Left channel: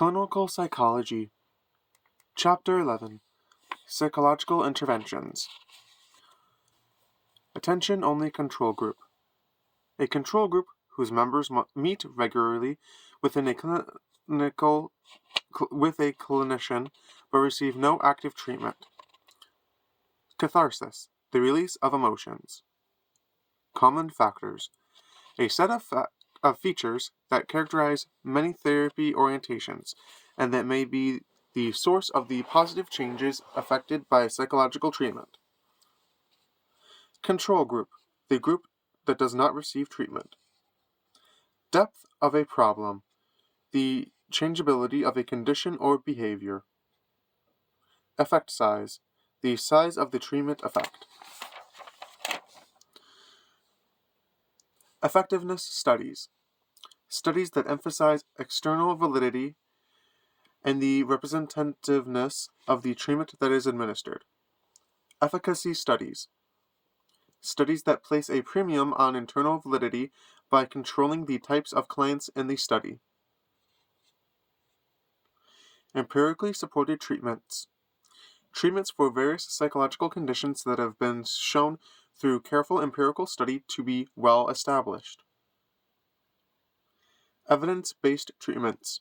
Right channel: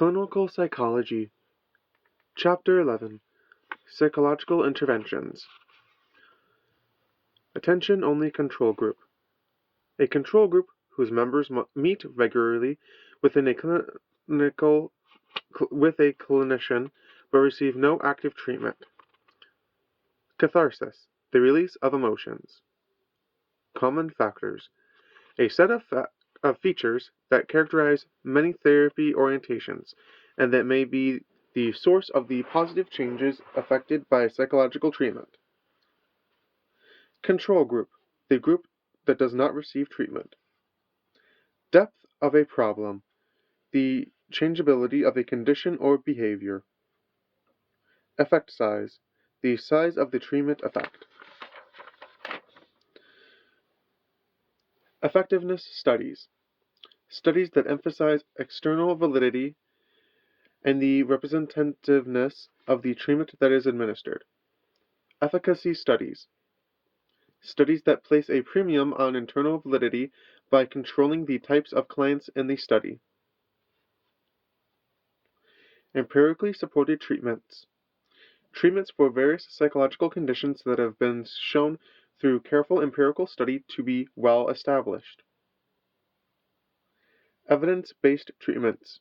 Clinical Psychology, Chapter 11, Psychological Interventions. Attention-only control group. A control group whose members meet regularly with a clinician but receive no active treatment. Catharsis, the release of emotions. Common factors. A set of features that characterize many therapy orientations and that may be the source of the positive changes affected by psychological treatment. Control group, the group that does not receive treatment. Depth of a problem, the changeability of a condition or behavior. Effect size, the size of the treatment effect. Effectiveness studies, studies that emphasize external validity and the representativeness of the treatment that is administered. Efficacy studies, studies that place a premium on internal validity by controlling the types of clients in the study. Empirically supported treatments, treatments for various psychological conditions that have been shown through careful empirical study to be well established. Evidence-based treatments,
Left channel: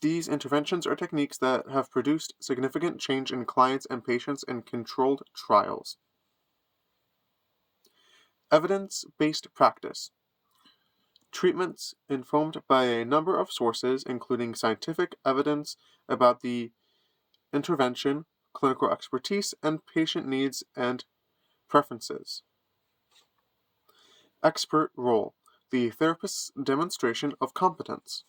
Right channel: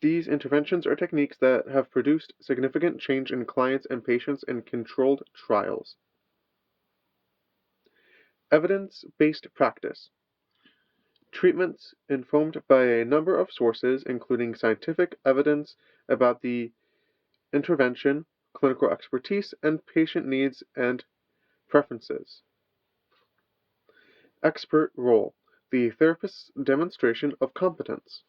these interventions are techniques that have produced significant change in clients and patients in controlled trials. Evidence-based practice, treatments informed by a number of sources, including scientific evidence about the intervention, clinical expertise, and patient needs and preferences. Expert role, the therapist's demonstration of competence.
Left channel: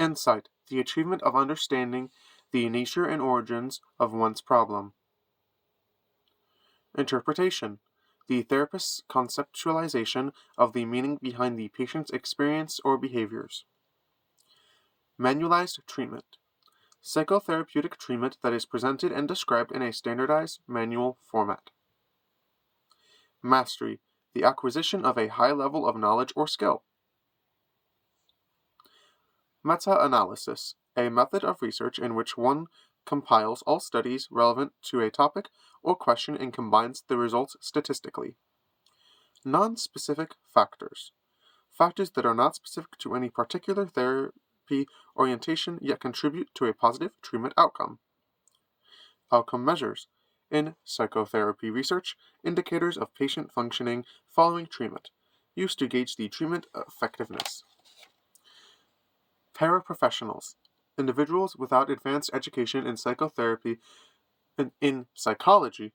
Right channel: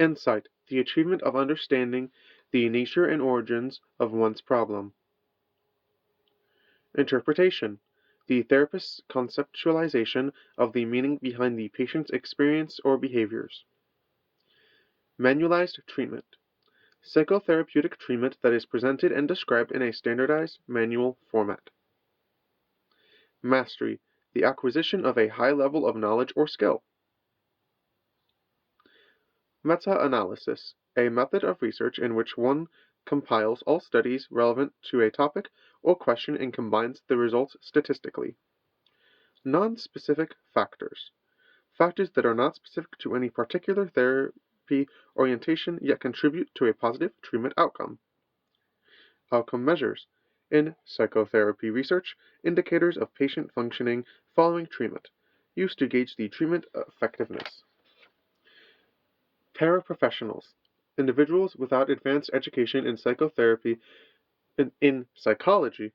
Insight, the achievement of understanding the nature and origins of one's problem. Interpretation, the therapist's conceptualization of the meaning behind the patient's experience or behaviors. Manualized treatment, psychotherapeutic treatment that is presented and described in a standardized manual format. Mastery, the acquisition of a high level of knowledge or skill. Meta-analysis, a method of research in which one compiles all studies relevant to a topic or question and combines the results statistically. Non-specific factors, factors that are not specific to any particular therapy orientation yet contribute to a positive treatment outcome. Outcome measures, in psychotherapy research, indicators of patient functioning following treatment, used to gauge the treatment effectiveness. Paraprofessionals, individuals without advanced education in psychotherapy in psychology,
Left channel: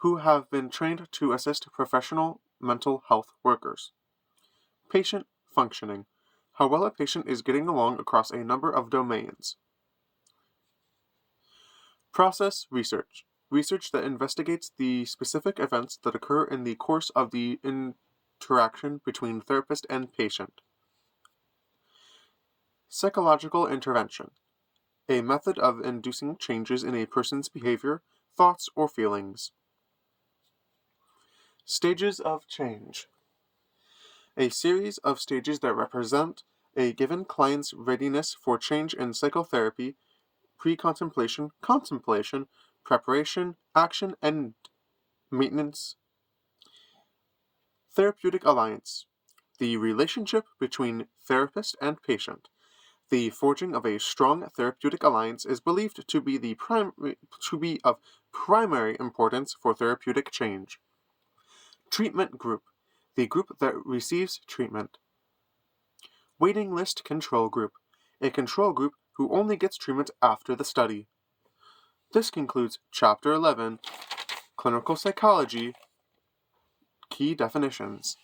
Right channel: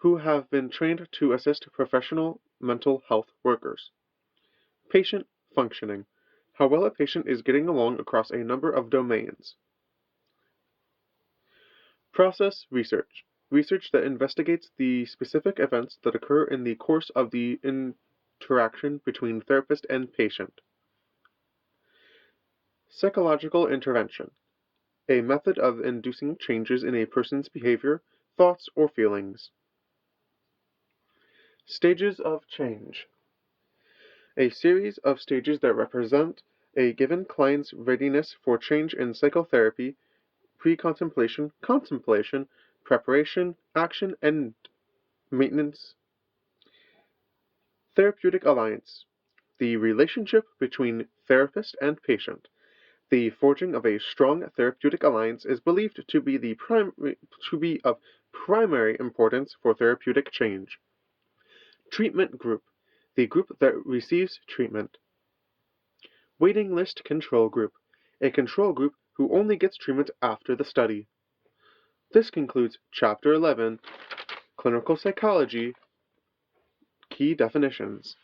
who have been trained to assist professional mental health workers. Patient functioning, how well a patient is getting along across a number of domains. Process research, research that investigates the specific events that occur in the course of the interaction between therapist and patient. Psychological intervention, a method of inducing changes in a person's behavior, thoughts, or feelings. Stages of change, a series of stages that represent a given client's readiness for change in psychotherapy, pre-contemplation, contemplation, preparation, action, and maintenance. Therapeutic alliance, the relationship between therapist and patient. The forging of a strong therapeutic alliance is believed to be of primary importance for therapeutic change. Treatment group, the group that receives treatment. Waiting list control group, a control group who only gets treatment after the study. This concludes Chapter 11, Clinical Psychology, Key Definitions.